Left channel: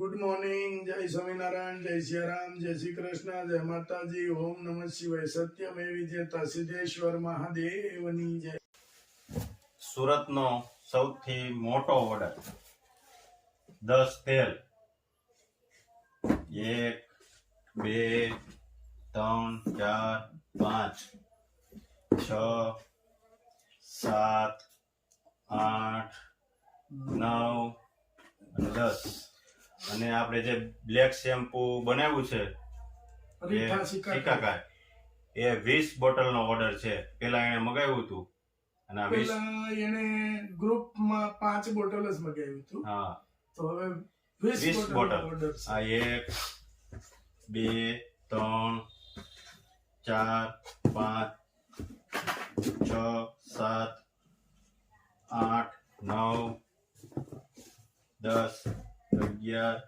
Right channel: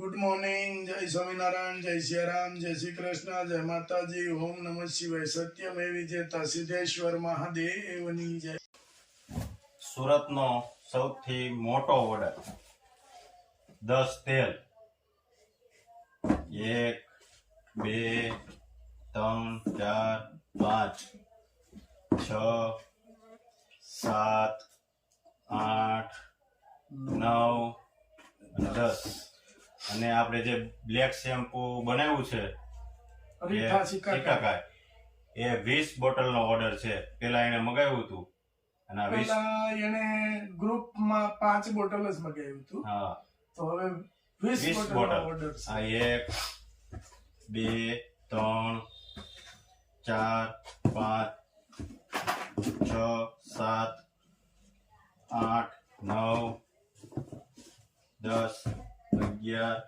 Good morning. जय स्वामीनारायण, जय सियाराम, जय श्री कृष्ण, जय माताजी, ओम नमः शिवाय। सत्यमेव विजेता सिद्धेश्वर महादेवनी जय। સુરતનો સૌથી મોટો ઓર્ડર 10 તેલ 1 2 3 4 5 6 7 8 9 અને 10 અને આપણે જે બ્લેક શેમ્પુ બનાવ્યું છે રીઠા સિકાકાય એ 20 બોટલનો ઓર્ડર છે. પેલા એને મગાવ્યું હતું અને આ 20 પેલા એને ગ્રુપમાં 5 બોટલ જ મગાવ્યું હતું. હા, તો હવે 20 બોટલ ઓર્ડર છે. આ 1 2 3 4 5 6 7 8 9 10 11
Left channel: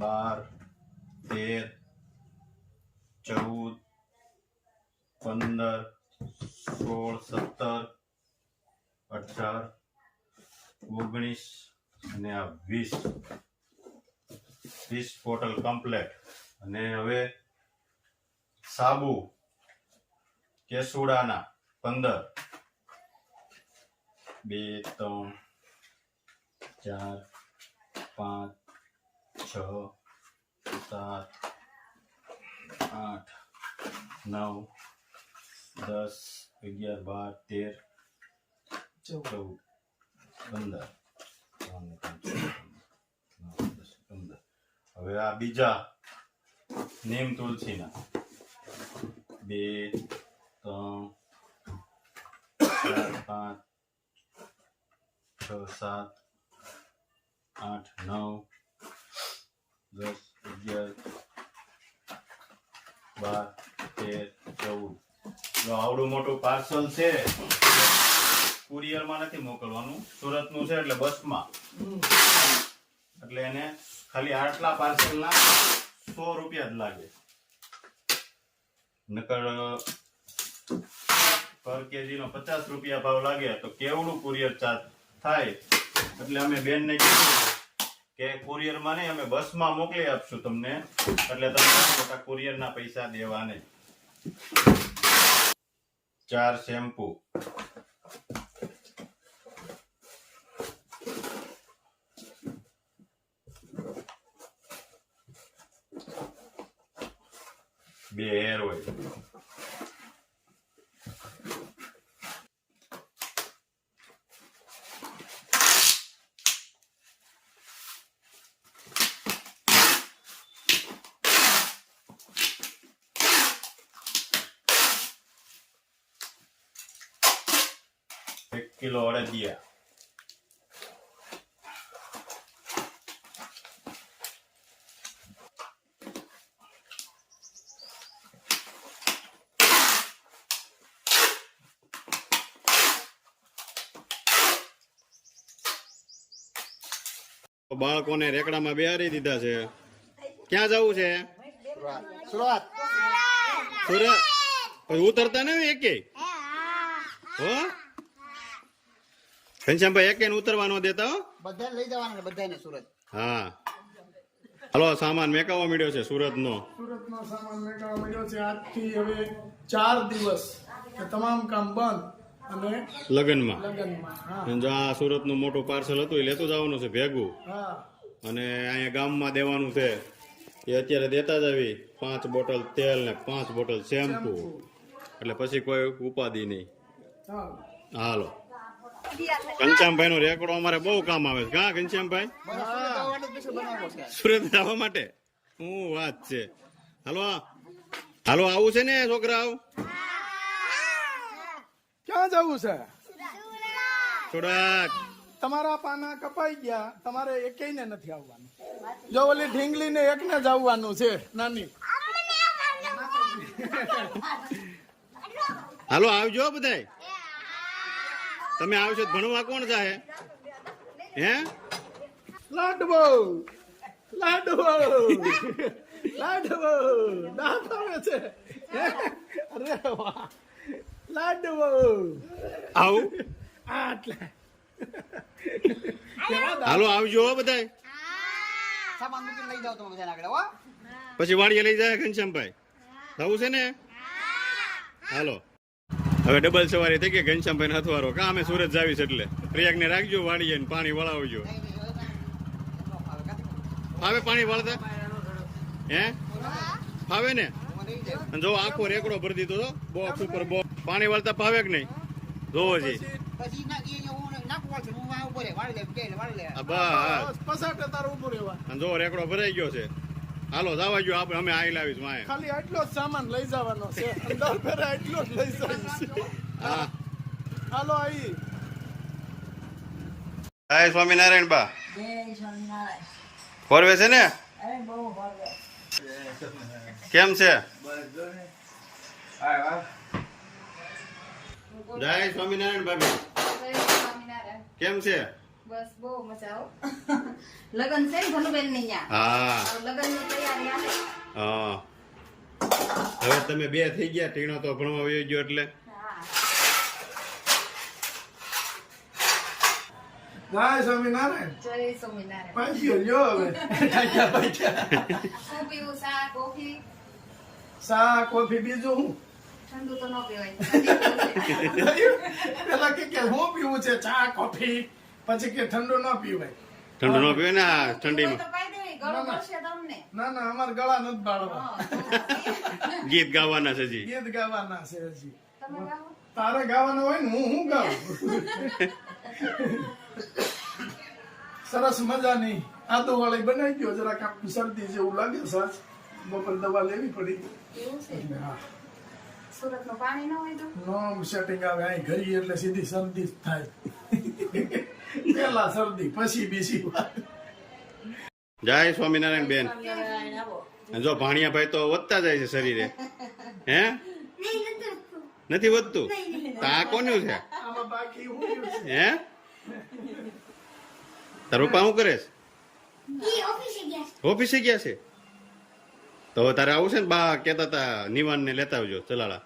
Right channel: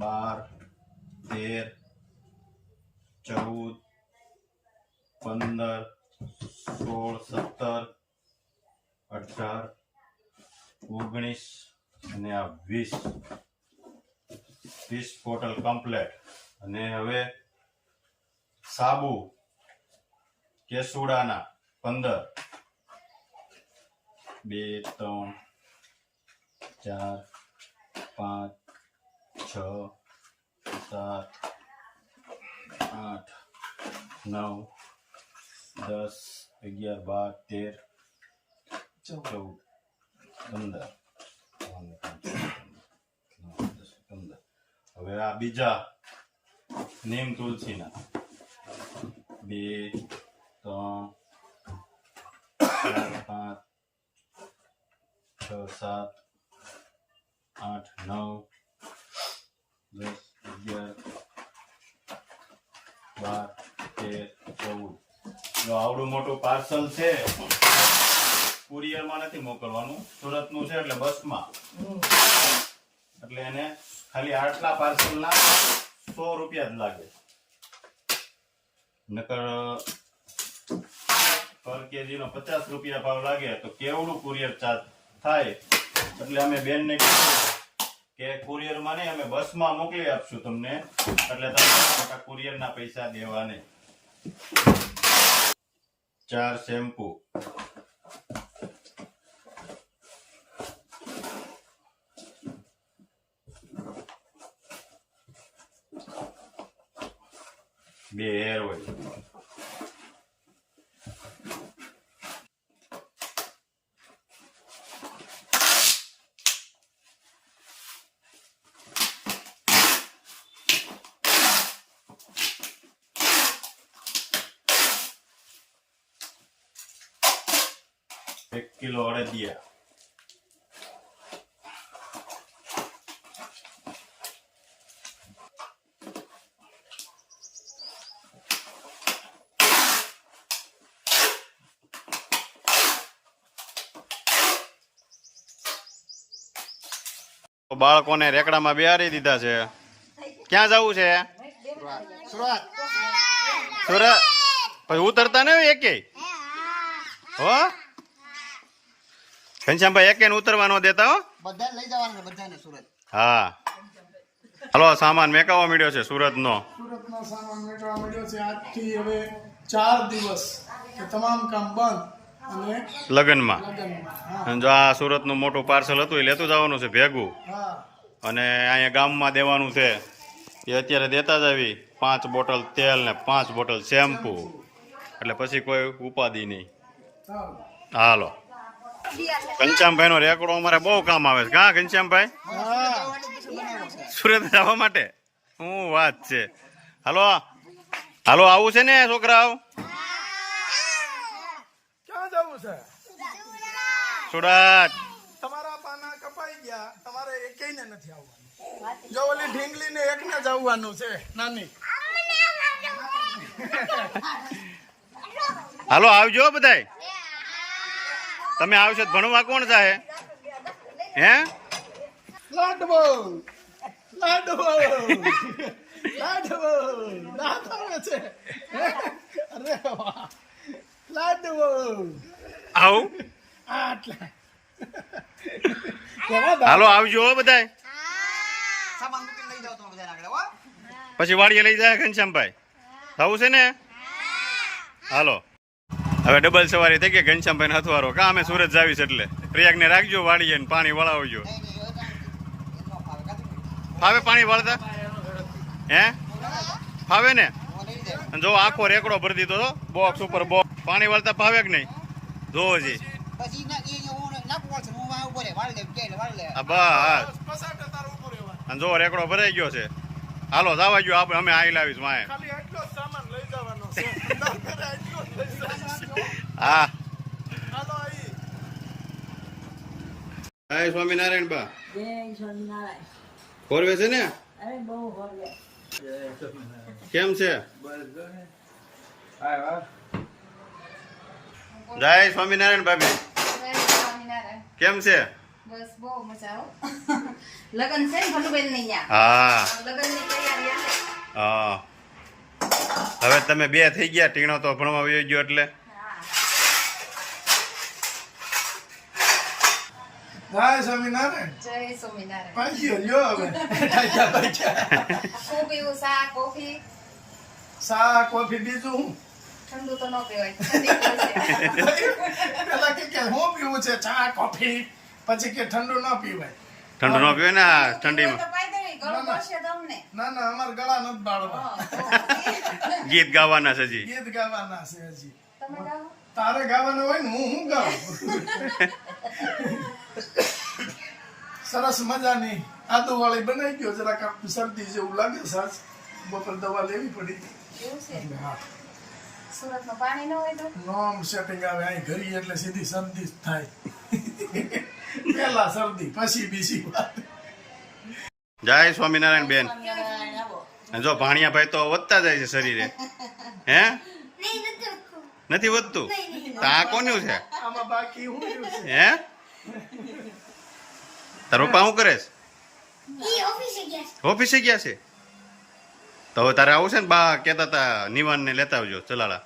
12 13 14 15 16 17 18 19 અને આ 20 બોટલ કમ્પ્લેટ. અને હવે સાબુ કેસુડાના 15 2 3 4 5 6 7 8 9 10 11 12 13 14 15. હવે આ બીજા નીમ તુલસીના 2 3 4 5 6 7 8 9 10 11 12 13 14. જો આવડું મોટું પાર્સલ છે, કુરિયરમાં નથી મોકલવાનું, સુરતનું છે એટલે બસમાં. એટલે એને ખાલી આટલા પાર્સલના 100 રૂપિયા જ લાગે. નકર પર કેજીનો 50 રૂપિયા ભાવ લાગે તો કેવડું કુરિયર ચાર્જ થાય. એટલે અમે બેનને કીધું કે કુરિયરમાં નહીં, અમે બસમાં મોકલી આપશું તમને, એટલે તમે કુરિયરના પૈસા દેવા નહીં. 4 શેમ્પુ, 2 હેર ઓઇલ, 1 કિલો અડદિયા, બાળકોને રેકડામાં બેહારી દીધા છે. ક્યાં જવું છે? સુરત. પછી ઉતરતા નહીં એકે હો ઘનશ્યામભાઈ, એકે ઉતરવા ન દેતા હો. બધાને લઈ જવાના બધાને સુરત. હા, હલો, સામાન મેકાવા મળ્યો છે સુરતનો સામાન મેળવવા મળ્યો છે. આજથી હવે 4 દિવસ કે તમામ કામ બંધ અને લગ્નમાં. લગ્નમાં. જો આ સુરતનું મોટું પાર્સલ હતું એ લેતું જવાનું છે ભેગું, હા, અને અહીંયા ગામમાં દેવાનું છે. એ અત્યારે દેતા જ આવી 5 બોટલ તેલ ને 5 બોટલ શેમ્પુ. એટલે પછી કોઈ ઉપાધિ નહીં. ચાલો. હાલો, ઘનશ્યામભાઈ નો રેકોર્ડ અમારે બહુ કામ આવે છે. હા ઘનશ્યામભાઈ, સુરત જવા માટે શું વાત છે. હાલો હાલો, આવું છે ને છોકરાઓ? ક્યાં જવું છે? સુરત. તમારા પાના કપાઈ ગયા, તમારે એકેયને નથી આવવાનું. જો ઓલી ઢીંગલી ને એકને જ આવવાનું છે, નાની. હાલો આવજો બધાય. તમે આવશો તો ભણવા કોણ જાય? હે લાડવો લાડવો લાડવો દાંત આવે છે. અરે વાહ, લાડવો આવું. આટલા હાલો આવજો બધાય. પછી વાડીએ લઈ જાય ઘનશ્યામભાઈ થવું છે ને હાલો હવે ડબલ સવારી થઈ ગઈ ઘનશ્યામભાઈ હથવારો કા અમે સુરત જાવી છે એટલે પ્રયાગને રાખજો વાડીએ ને પાણી વળાવજો ફાવે પાણી વળતા હે ફાવે ને અને જો આખો રેકડો ભરી દીધો તો બોક્સ ઉપર બોક્સ પાણી વળતા ફાવે કે નહીં જોવો જી પછી નાખવું પડશે હું આ ઉપર વાળ લે કે વાળ લે બસ અને જો રેકડો ભરાઈ ગયો છે હાલો જવા ગયો આપણે અમે આઈ લાવીશ માએ ખાલી આટલો જ સામાન લઈ જવાનો છે અંદર ઘરે આટલો જ લઈ જવાનો હા હાલો આઈ જય સ્વામિનારાયણ બા જય સ્વામિનારાયણ. ફોરવે છે ને અરે બહુ હોવે. કેમ છે જય સ્વામિનારાયણ ભાભી સ્વામિનારાયણ. કેમ છે બસ બહુ મજા આવો લગન છે ને ભનુબેન ને ન્યા હા લગન ની તૈયારી હાલે. હા હવે તમે બે થઈ ગયા ટીણો તો ભણવા વયો ગયો એટલે જય સ્વામિનારાયણ જય સ્વામિનારાયણ. પાછી લ્યો હવે શું પીવું? ચા કોફી? સા કોફી બીજું હું ઠંડુ તો ન પીવાય, ઠંડી પીવું છે. પેલા કે હું પીવું છે ચા કોફી પછી કે ઠંડુ ન પીવાય ઠંડુ ન પીવે ને આ ઠંડીમાં તો પાઈ દેવી, ગળું બળશે તમને. ના ના અમાર ગળા નથી બાળવા હા. ગીત ગાવાના છે જી ગીત ગાવાના છે હજી તમે ગાવો? તારે ગાવાના હોય ને હું ગાઉં સરસ મજાની આદુ વાળી બનાવી ગયો જરાક આમ શરદી જેવું લાગે સાસ બપોર દવા લેવી પડી એવું છે? એટલે હા સુરત નું પાણી ન હોય તો નોમ સેટિંગ આવે અહીં ઘરી એટલે સીધી શરદી જ થાય પેલા શરદી પછી બીજી વાત જય સ્વામિનારાયણ બેન સ્વામિનારાયણ આવો. અને જો ભાણિયાભાઈ તો વધતા જાય છે શરીરે હે નથી વધતું તો આ કોનું છે આમાં બાકી હું રહ્યું છે? હે તારો પપ્પા શું કરે છે ઓફિસે ગયા છે તો હવે તારે આવું છે ને બા કેતા હતા નિવાન ને લેતા આવજો ચલાલા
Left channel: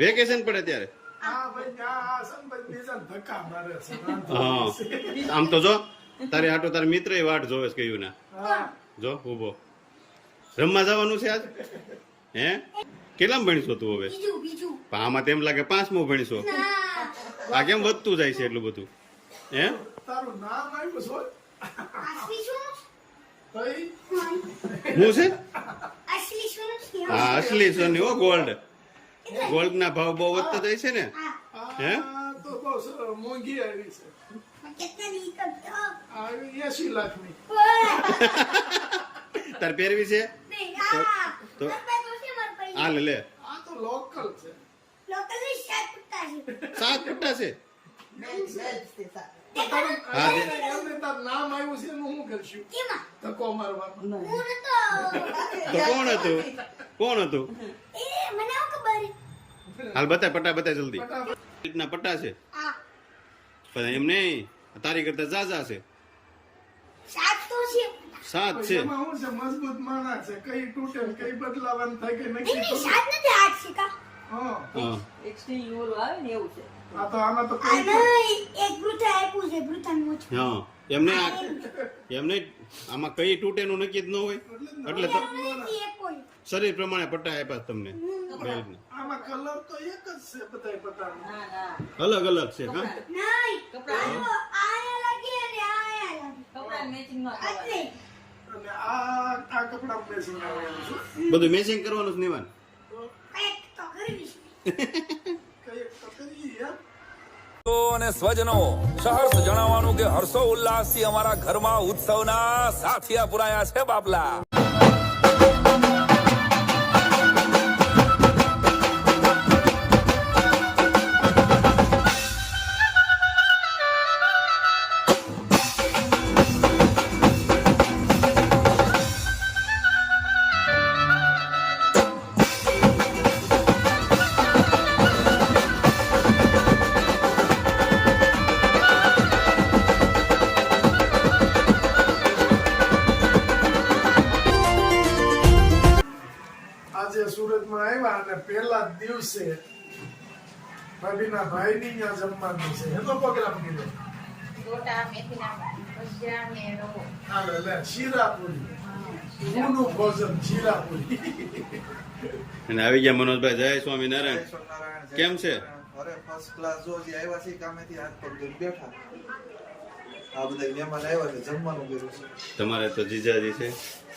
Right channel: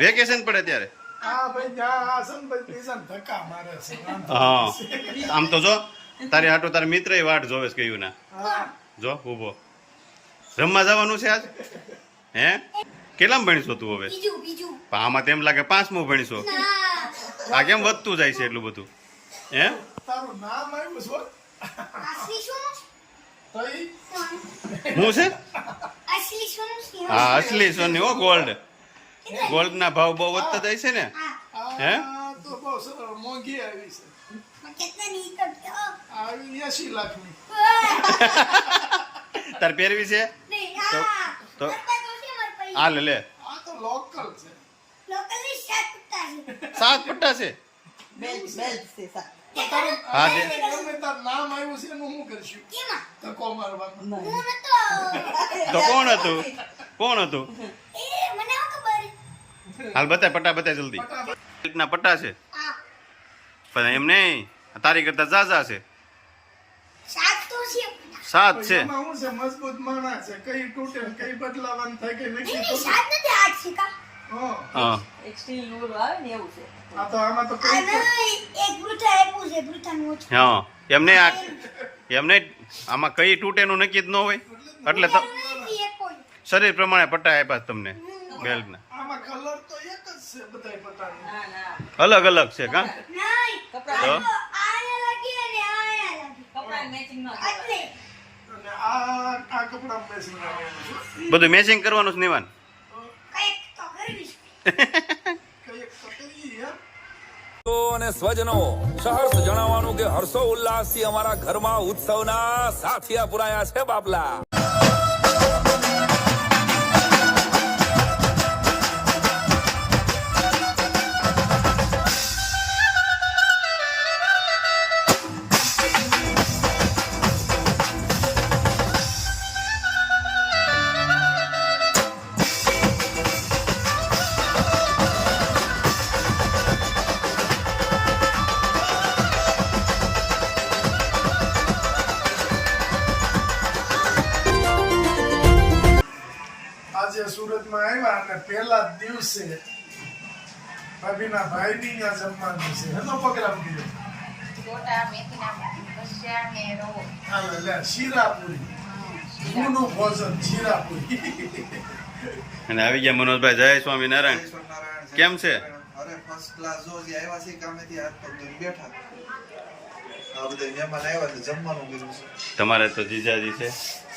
વેકેશન પડે ત્યારે હા ભાઈ ત્યાં આ સંભાઈ બીજાને ધક્કા મારે છે વાંધો હા નથી. આમ તો જો તારે હાટો તારા મિત્ર વાટ જોવે છે કયું ના હા જો ઉભો રમવા જવાનું છે આજ હે કેટલામાં ભણીશો તું હવે પણ આમાં તેમ લાગે 5મું ભણીશો આ કેમ વધતું જાય છે એટલું બધું હે તારું નામ આવ્યું છે તો ઈ હું છે હા અસલી સોની હો ગોલ્ડ ગોલ્ડ ના ભાવ બહુ વધતા જાય છે ને હે આ તો બહુ સરળ મોંઘી આવી છે આવી 80 લાખની તાર પહેરવી છે તો આ લે આ તો લોકલ છે 7 પટ્ટા છે બેલ્ટ છે સા. તારું હા, દે. એમને તાર નામ આવ્યું છે એનું શું કરશું ધક્કો મારવામાં તો કોણ હતું હાલ બતાય પટ્ટા બતાય જલ્દી ફટાફટ ના પટ્ટા છે પણ એમ નહીં તારી કરતા ઝાઝા છે 7 છે એમાં શું છે મજબૂત માણસ છે કઈ તૂટે ને કઈ બદલાવાનું થાય કે નક્કી હા હા એક સ્ટીલ નું આવે ને એવું છે. આ તો આમાં તો કઈ હા એમને એમને આમાં કઈ તૂટેનું નક્કી જ ન હોય એટલે શરીર પ્રમાણે પટ્ટા આપ્યા તમને બેલ્ટના આમાં કલર તો એક જ છે બધાય પટ્ટાનો ના ના અલગ અલગ છે કા કપડા તો કપડા મેચિંગ નો આવે. અને આ કપડા બેસીને આવવાનું છે બધું મેચિંગ કરવાનું છે નિવાન કઈક તો કરીએ યાર તો અને સ્વજનો સહર્ષ જણાવવાનું કે હર્ષો ઉલ્લાસથી અમારા ઘરમાં ઉત્સવના સાથિયા પુરાયા છે બાપલા. આજે સુરતમાં આવ્યા અને પહેલા જ દિવસે ભાભીના ભાઈની ત્યાં જમવાનું છે એનો પ્રોગ્રામ કર્યો ગોટા મેથીના ભજીયા ને રવો. હાલે લે શીરાપુરી જૂનું ભોજન શીરાપુરી અને આવી ગયા મનોજભાઈ. જય સ્વામિનારાયણ. સ્વામિનારાયણ. કેમ છે? અરે ફર્સ્ટ ક્લાસ જો જે આવ્યા છે કામેથી હાથ પગ ધોઈને બેઠા. આ બધા મહેમાન આવ્યા છે જમવાનું કર્યું છે. તમારે તો જીજાજી છે.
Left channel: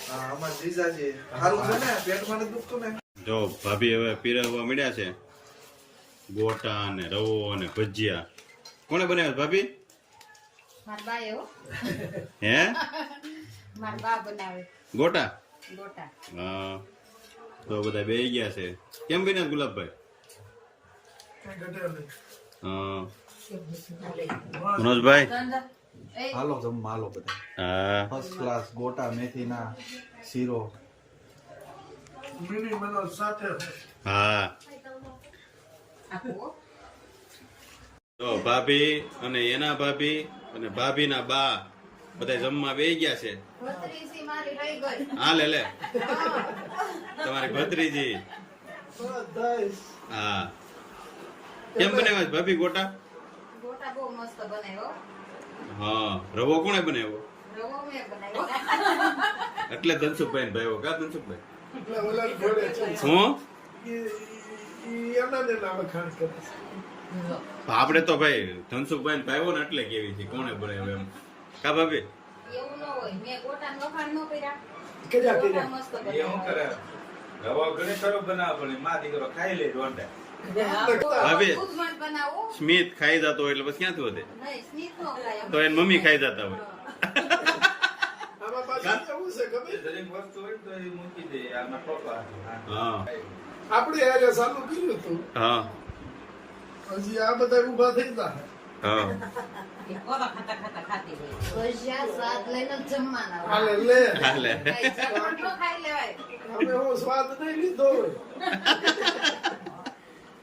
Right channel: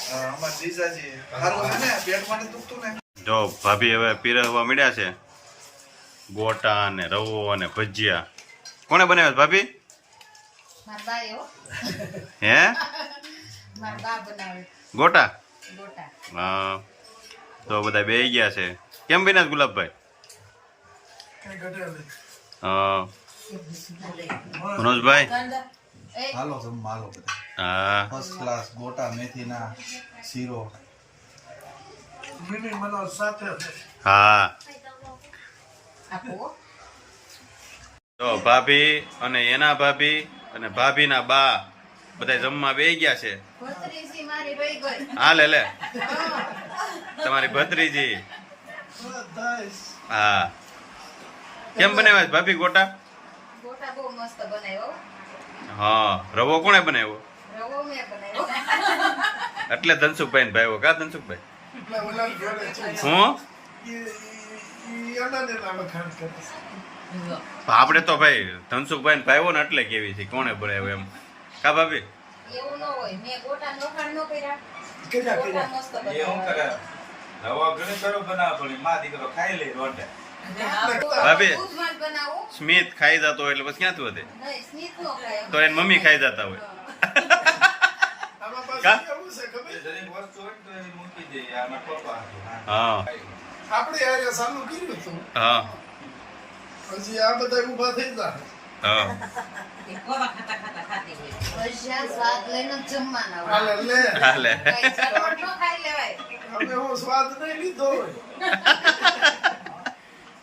હા, અમારા જીજાજી સારું છે ને પેટમાં નથી દુખતું ને. જો ભાભી હવે પીરસવા મળ્યા છે ગોટા ને રવો અને ભજીયા. કોણે બનાવ્યા ભાભી? મારા બાએ હો. હે મારા બા બનાવે ગોટા? ગોટા. હા. તો બધા બેહી ગયા છે. કેમ બન્યા છે ગુલાબભાઈ? કઈ ઘટે નહીં. હા. મનોજભાઈ? એ હાલો જમવા હાલો બધા. હા. ફર્સ્ટ ક્લાસ ગોટા મેથીના શીરો. મિની મનોજ સાથે હા. આપો. તો ભાભી અને એના ભાભી અને ભાભીના બા બધા જમવા બેહી ગયા છે. ભત્રીજી મારી વહી ગઈ. હા લે લે તમારી ભત્રીજી. હા. કેમ બનાવ્યા છે ભાભી ગોટા? ગોટા બહુ મસ્ત બનાવ્યો. હા. રવો કોણે બનાવ્યો? રવો મેં બનાવ્યો. એટલે ધનસુખભાઈ ને ભાઈઓ. કા ધનસુખભાઈ? એટલે ઓલા ઘરે છે હું એના ને નામ ખર્ચ કરે આપણે તો ભાઈ ધનસુખભાઈ ને ભાઈઓ ને એટલે કેવી છે કોણે બનાવ્યો એમ. કા ભાભી? એવું ન હોય. મેં ગોટા વખાણ ન કર્યા. કર્યા ગોટા કર્યા મસ્ત એ હું બનાવ્યા. કરે રવા ઘણી સરસ બનાવે પણ માં દીકરો ખાઈ લે દોંડે. ભાભી દૂધમાં જ બનાવું. સ્મિત ખાઈ જતો હોય એટલે પછી ક્યાંથી વધે? નહીં, સ્મિત નો ખાય. તો એની મમ્મી ખાઈ જતા હોય. આમાં કા? પાછું કેવું છે ખબર? દરેક વસ્તુ હોય તો એની મૂકી દે. આમાં પપ્પા હા. આપણે યારે ચાલુ કર્યું હતું હા. હજી આ બધા ઊભા થઈ જાય હા. એ ખોરાક ખાતા ખાતા ખાતી હોય. ભજીયા સ્વાદ લઈને જ જમવાના હોય. હાલે લે હાલે. કઈ ઝટપટ ન ખાઈ લેવાય. અમે હું સ્વાદ નહીં લીધો હોય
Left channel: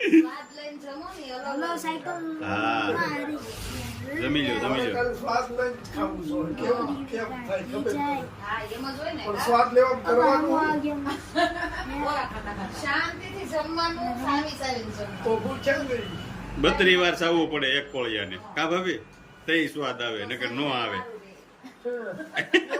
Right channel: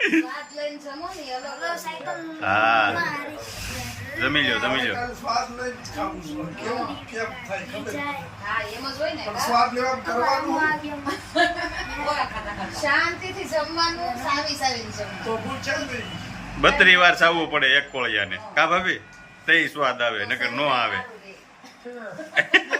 સ્વાદ લઈને જમો ને એ અલગ હા. જમી લ્યો જમી લ્યો. કાલ સ્વાદ લઈને જ ખાવું છું કેવું કેમ થાય ખબર નહીં. હા એમ જ હોય ને. પણ સ્વાદ લેવા કરવાનું ખોરાક ખાતા ખાતા. શાંતિથી જમવાનું, સાવી સાવીને જમવાનું. તો પૂછે નહીં 32 વાર સાવવું પડે એક કોળિયાને. કા ભાભી? તઈ સ્વાદ આવે નકર નો આવે. એ